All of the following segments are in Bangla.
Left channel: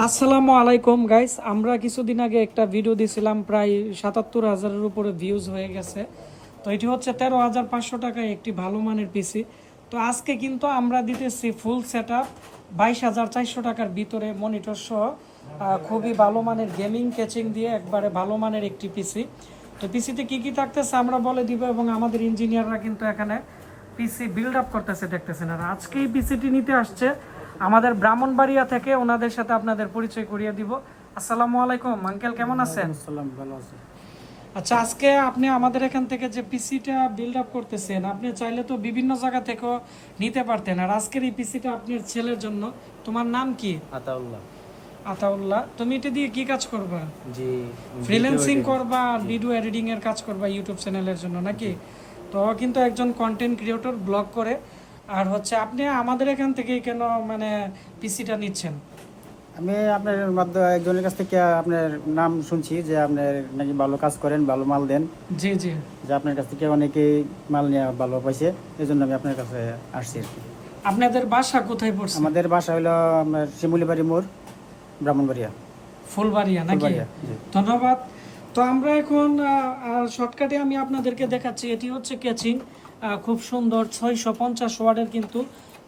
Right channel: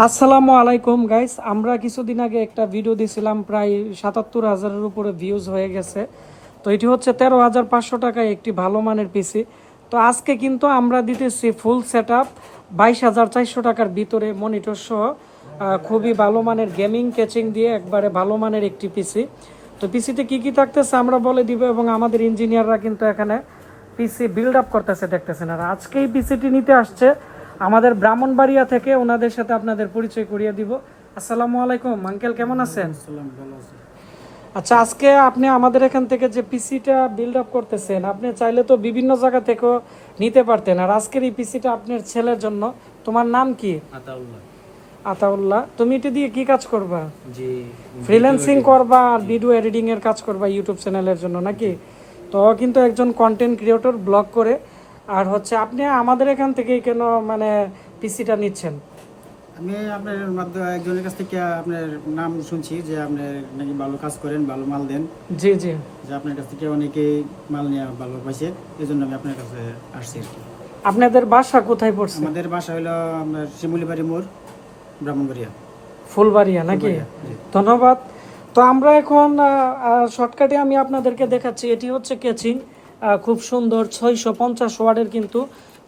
আসসালামু আলাইকুম গাইস, আমরা কিছুদিন আগে একটা ভিডিও দিয়েছিলাম, প্রায় ৭৭,০০০-এর উপরে ভিউজ হয়ে গেছে। তো এটি হচ্ছে ১৩,৫০০ টাকায় একটি ভালো মানের পিসি। তো আজকে কিন্তু আমরা দিতেছি ফুল সেট আপ ২২,৪০০ টাকার ভিতরে মনিটর সহ খুবই ভালো মানের গেমিং ক্যাচিং দিয়ে একবারে ভালো মানের একটি পিসি। তো পিসিতে কি কি থাকতেছে আমরা বলে দিব, এবং আমাদের ইঞ্জিনিয়াররা কিন্তু এখানে পিসি বিল্ড আপ করতেছে, দেখতেছেন। আর আজকে এই পিসিটি নিতে আসছে আমাদের ব্রাহ্মণবাড়িয়া থেকে, ওনাদের সাথে আপনাদের পরিচয় করিয়ে দিব। আসসালামু আলাইকুম আঙ্কেল, কেমন আছেন? ভালো আছি। আচ্ছা, আজকে আপনি আমাদের এখান থেকে যে পিসিটা বিল্ড আপ করতেছেন, আপনি চাইলে তো বিভিন্ন জায়গা থেকেও নিতে পারতেন। আর আজকের এই পিসিটা আপনার ছেলের জন্য। তোমার নাম কি? আতাউল্লাহ। আতাউল্লাহ, তুমি এটা দিয়ে কি কাজ করবা? জি, ফ্রিল্যান্সিং করবা আর ভিডিও এডিটিং এর কাজ করবা ইউটিউব চ্যানেলের জন্য নাকি? তো ও কিন্তু একজন কন্টেন্ট ক্রিয়েটর, ব্লগ করে। আর হচ্ছে আপনি আমাদের এখান থেকেই কেন মানে পিসিটা নিচ্ছেন? আমি আপনার মাধ্যমে একজনের কাছ থেকে আপনার নাম শুনছি যে আপনার নাকি ভালো কাজ করেন, ভালো মাল দেন। জি জি। যে আপনার কাছ থেকে অনেকেই মাল নিয়ে ভালো পাইছে, এই জন্য আমি আপনার কাছে আসছি আর কি। আপনাদের বাসা কোথায় পড়ছে? আমাদের বাসা হলো আপনার শিমুলিবাড়ি মোড়, ব্রাহ্মণবাড়িয়া। ফুলবাড়িয়া নাকি? ফুলবাড়িয়া, জি। ধন্যবাদ। তো আমরা এখন শর্টকাটে আমি আপনাদেরকে দেখাচ্ছি। এটি হচ্ছে কেচিং, খুব সুন্দর 650 ওয়াটের কিন্তু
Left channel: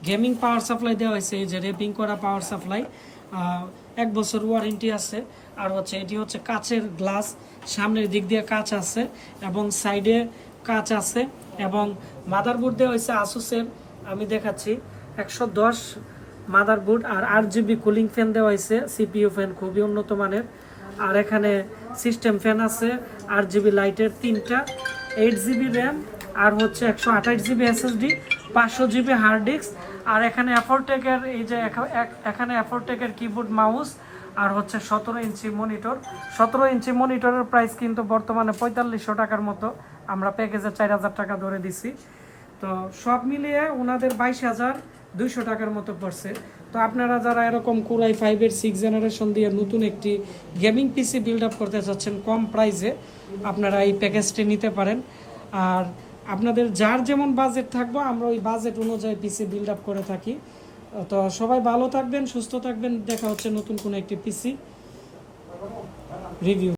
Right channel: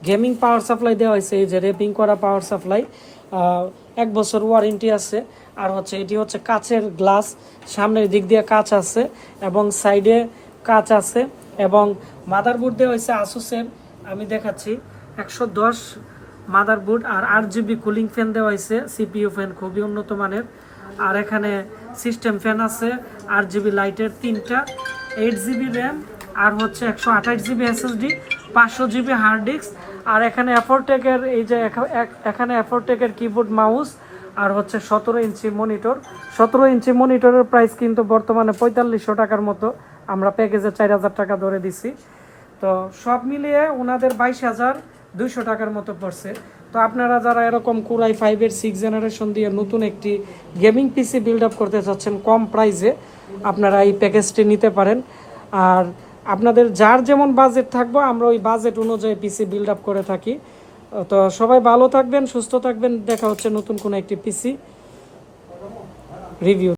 গেমিং পাওয়ার সাপ্লাই দেওয়া হয়েছে। এই যে রেপিং করা পাওয়ার সাপ্লাই, 1 বছর ওয়ারেন্টি আছে। আর হচ্ছে এটি হচ্ছে কাচের গ্লাস, সামনের দিক দিয়ে কাচ আছে এবং সাইডে কাচ আছে। এবং মাদারবোর্ড দেওয়া হয়েছে আসুসের, আমি দেখাচ্ছি 110 মাদারবোর্ড। আর 8 GB কুলিং ফ্যান দেওয়া হয়েছে, সিপিইউ ফ্যান খুবই উন্নত মানের। আর এখানে সিস্টেম ফ্যান আছে 8 GB লাইটের 3টা, 8 GB র্যাম, আর হচ্ছে 128 GB SSD, 500 GB hard disk. আর এখানে অ্যাফোরটেকের এই যে এখানে অ্যাফোরটেকের কিবোর্ড, মাউস, আর হচ্ছে 17 ইঞ্চি মনিটর। 17 ইঞ্চি মনিটরের প্রাইস কিন্তু বর্তমানে ৪৫০০ টাকার মতো, আমরা প্যাকেজে ৪,০০০ টাকা ধরে দিছি। তো সব মিলিয়ে ওনাদের ২২,২০০ টাকার মতো পড়ছে। তো আপনারা যারা এরকম কোরাই 5-এর 6 জেনারেশন দিয়ে নতুন একটি গেমিং পিসি বিল্ড আপ করতে চাচ্ছেন কম প্রাইসে, আপনারা এই প্যাকেজটি নিতে পারেন। আর আপনাদের যার যেমন বাজেট থাকবে, আমরা ওই বাজেট অনুযায়ী পিসি বিল্ড আপ করে থাকি। তো সবাই ভালো থাকবেন, সুস্থ থাকবেন। দেখা হচ্ছে নতুন কোনো একটি পিসি রিভিউ।